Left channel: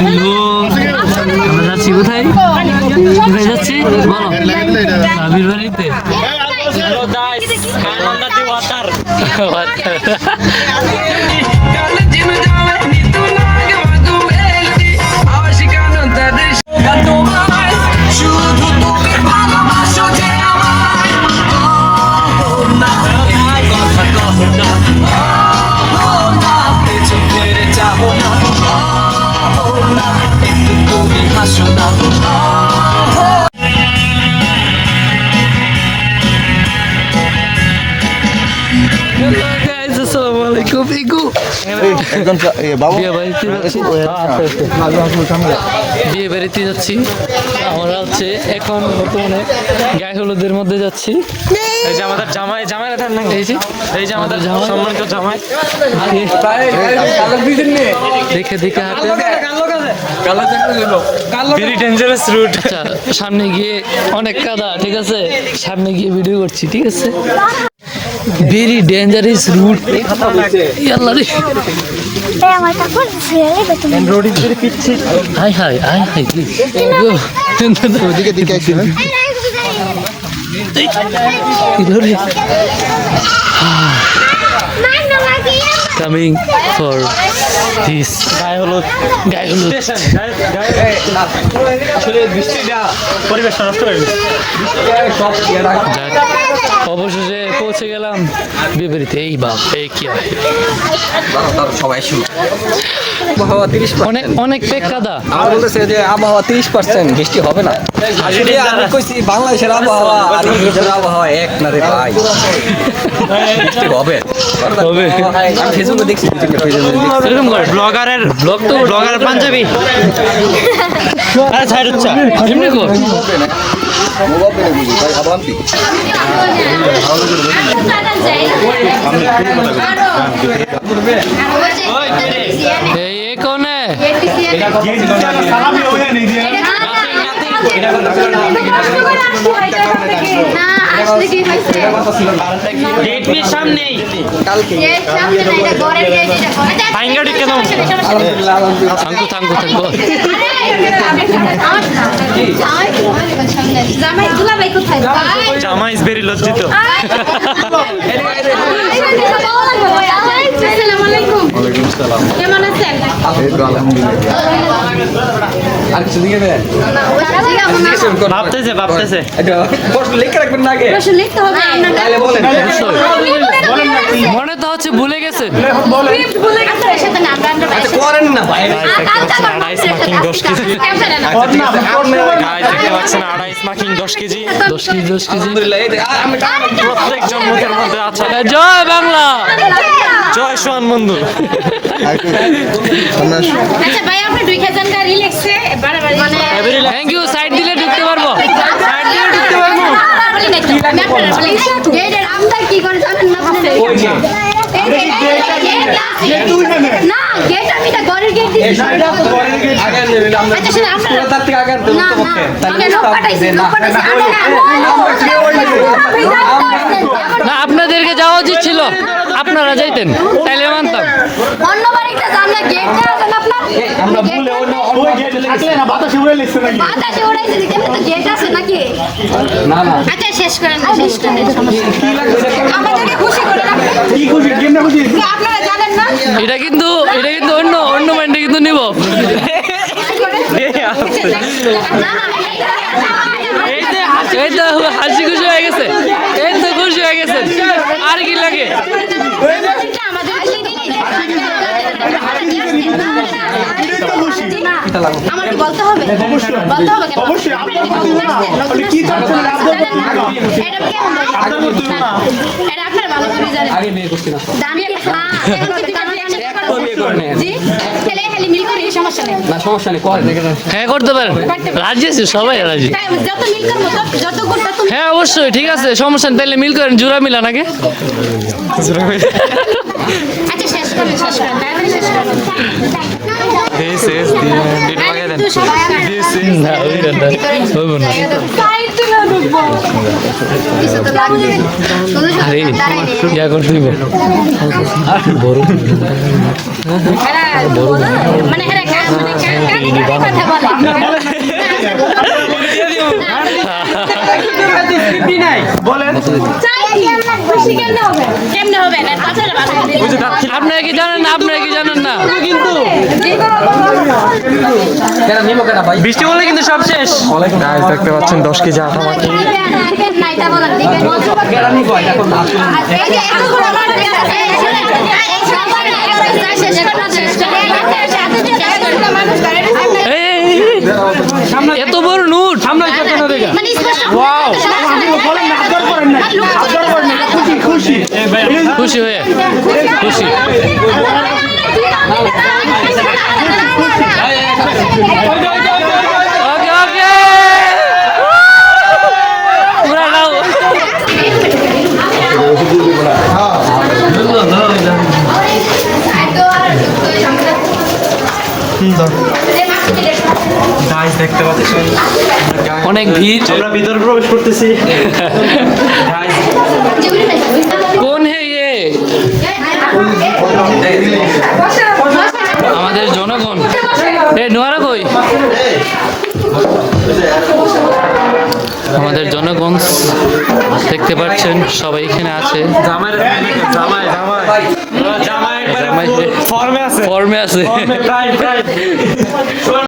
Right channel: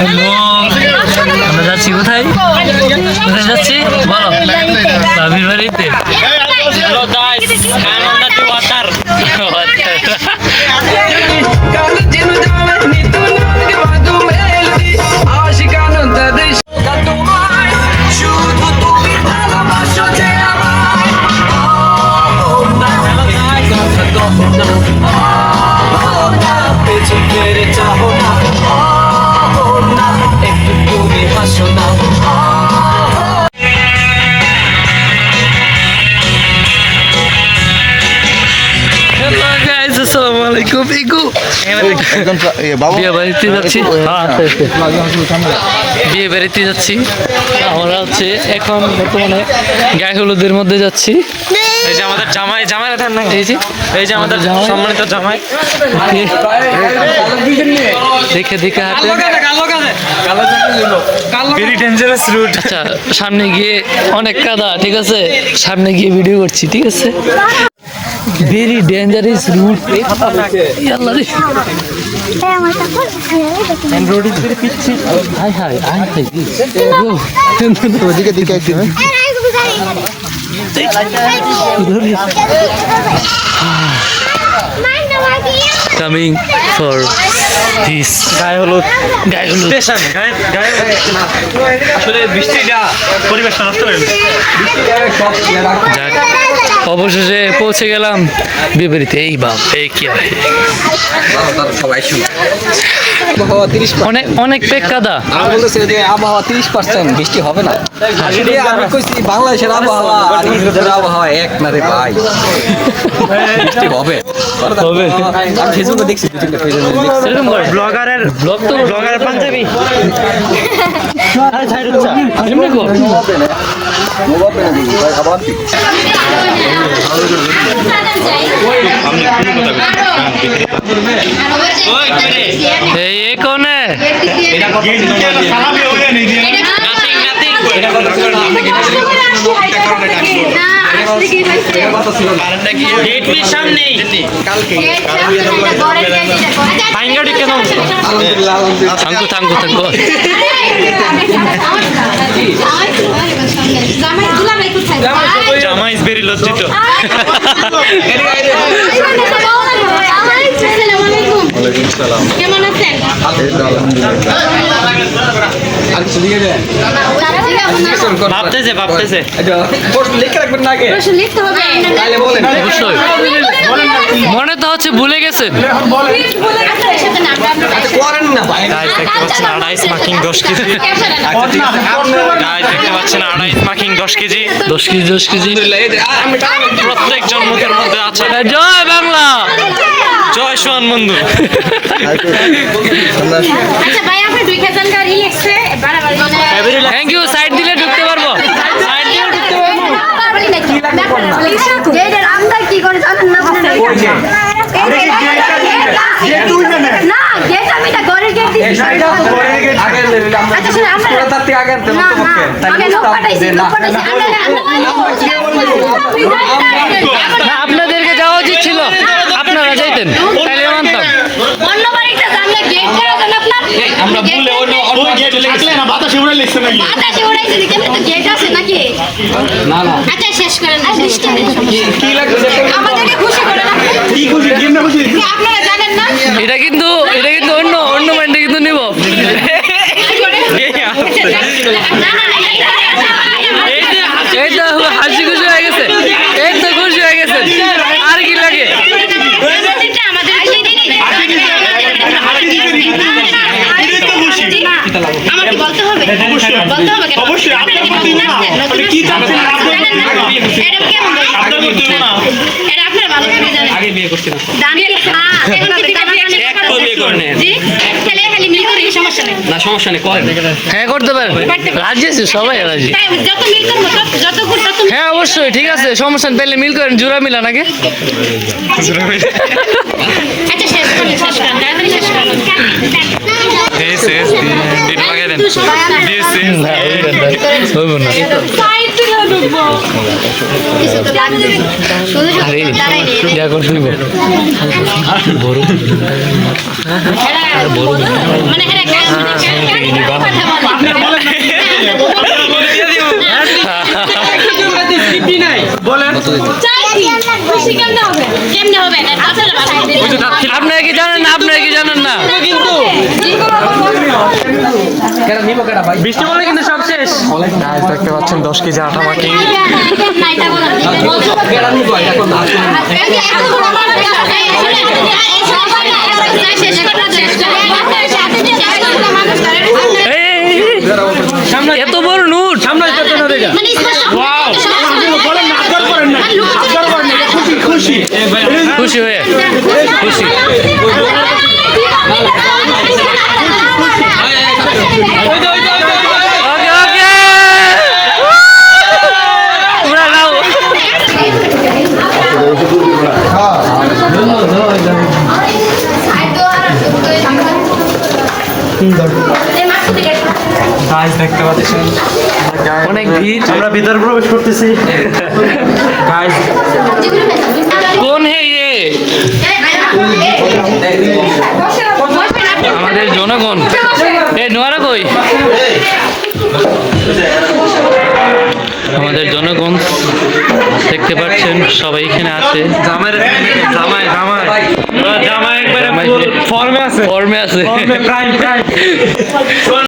Hello, আমরা যাচ্ছি কোথায়? কোথায় যাচ্ছি বলো? ভাবির বাড়িতে। Hello guys, hang on the water. বিয়ে বাড়িতে যাচ্ছি আমরা, হচ্ছে এখন বর্তমানে গায়ে হলুদের মধ্যে যাচ্ছি। এই যে আমাদের জামাই, জামাইরা ঠান না, এই যে আমাদের সম্মানিত জামাই, দেখে দেখে হাঁটে। আচ্ছা, সামনে গিয়ে অনেক কাদা, ঠিক আছে, সামনে গিয়ে ভিডিও করছি, ঠিক আছে। Very dangerous route. Coming for this গায়ে হলুদ স্টেশন। আসলে বৃষ্টিটা পরিবেশ নষ্ট করে যাক, অবশেষে পৌঁছে গেলাম বিপরীতে। এই বাপ, এই কি সবাই অনেক পেক কাদা। আমার বলতেছে যে আবহাওয়া 30% বৃষ্টি হবে না। আসলে আমি কইছি বাংলাদেশের আবহাওয়া আর ইউরোপের আবহাওয়া এক না রে ভাই, বৃষ্টি হবে। আমি ফেসবুকে দেখছি, ব্লগারের ব্লগ তো ব্লগার পাঞ্জাবি এই কোনে জামা ইজ ভেরি লজ্জিত। কেমন আছেন? ভাবতেছে মনে তো হচ্ছে ভুলে গেছেন। আড়াইশ মাকিং 10 কেজি, দেখতে পাচ্ছেন 28 মাকিং 10 কেজি, 10 কেজি প্রত্যেক জন্মকের মধ্যে আছে। জয় বাংলা, জয় সোহান বন্ধু। Thank you. সাইড দিলে ঢুকতে পারবো, আপনাদেরকে যাওয়া উচিত ছিল, আপনারা যাইতেন তাইলে মানতাম। এটা কিন্তু অন্য মাইন্ডে কিন্তু নিব। এই তো হাসি খুশি হয়ে গেছে, এই তো খুশি হয়ে গেছে, আর কি লাগে? আমার কি বলতে হবে? অবশ্যই এটা আপনার ভালো করে জানেন। আগে বিয়ে করছি না, সমস্যা নেই, না সমস্যা নেই, হ্যাঁ করতে পারেন, রাজি আছে সবাই, রাজি। হ্যাঁ অবশ্যই, ঠিক আছে, সমস্যা নেই, তাহলে মিল করেন, জোড়া মিলান আগে। আচ্ছা শেষ করেন, মানে খুশি কেমনে হবে? কেমনে হবে? না, কথাটা ভালো। আপনারা কি জানেন না? আপনারা কি জানেন না? কেন নিব কেন ভাই? বৃষ্টি বলে কিন্তু সব শেষ। গাইস দেখতে পাচ্ছেন 10 কেজি আটা মাখি। না, এটা বলার দিকে। কেন নিব এটা কোন না? এত বড় নোট খুশি হয়ে খুশি ওকে ওকে পুরা নাও গাইস দেখতে পাচ্ছেন অনেক ভিড় আমরা ভিতরে প্রবেশ করতেছি। গাইস কোন হে ইয়ে আমাদের জনগণ এই নোয়ারা কই আমাদের জনগণ দেখতে পাচ্ছেন সবাই এখানে আছে জামাই জামাই জামাই জামাই জামাই ফর্মে আছে ফর্মে আছে প্রাইম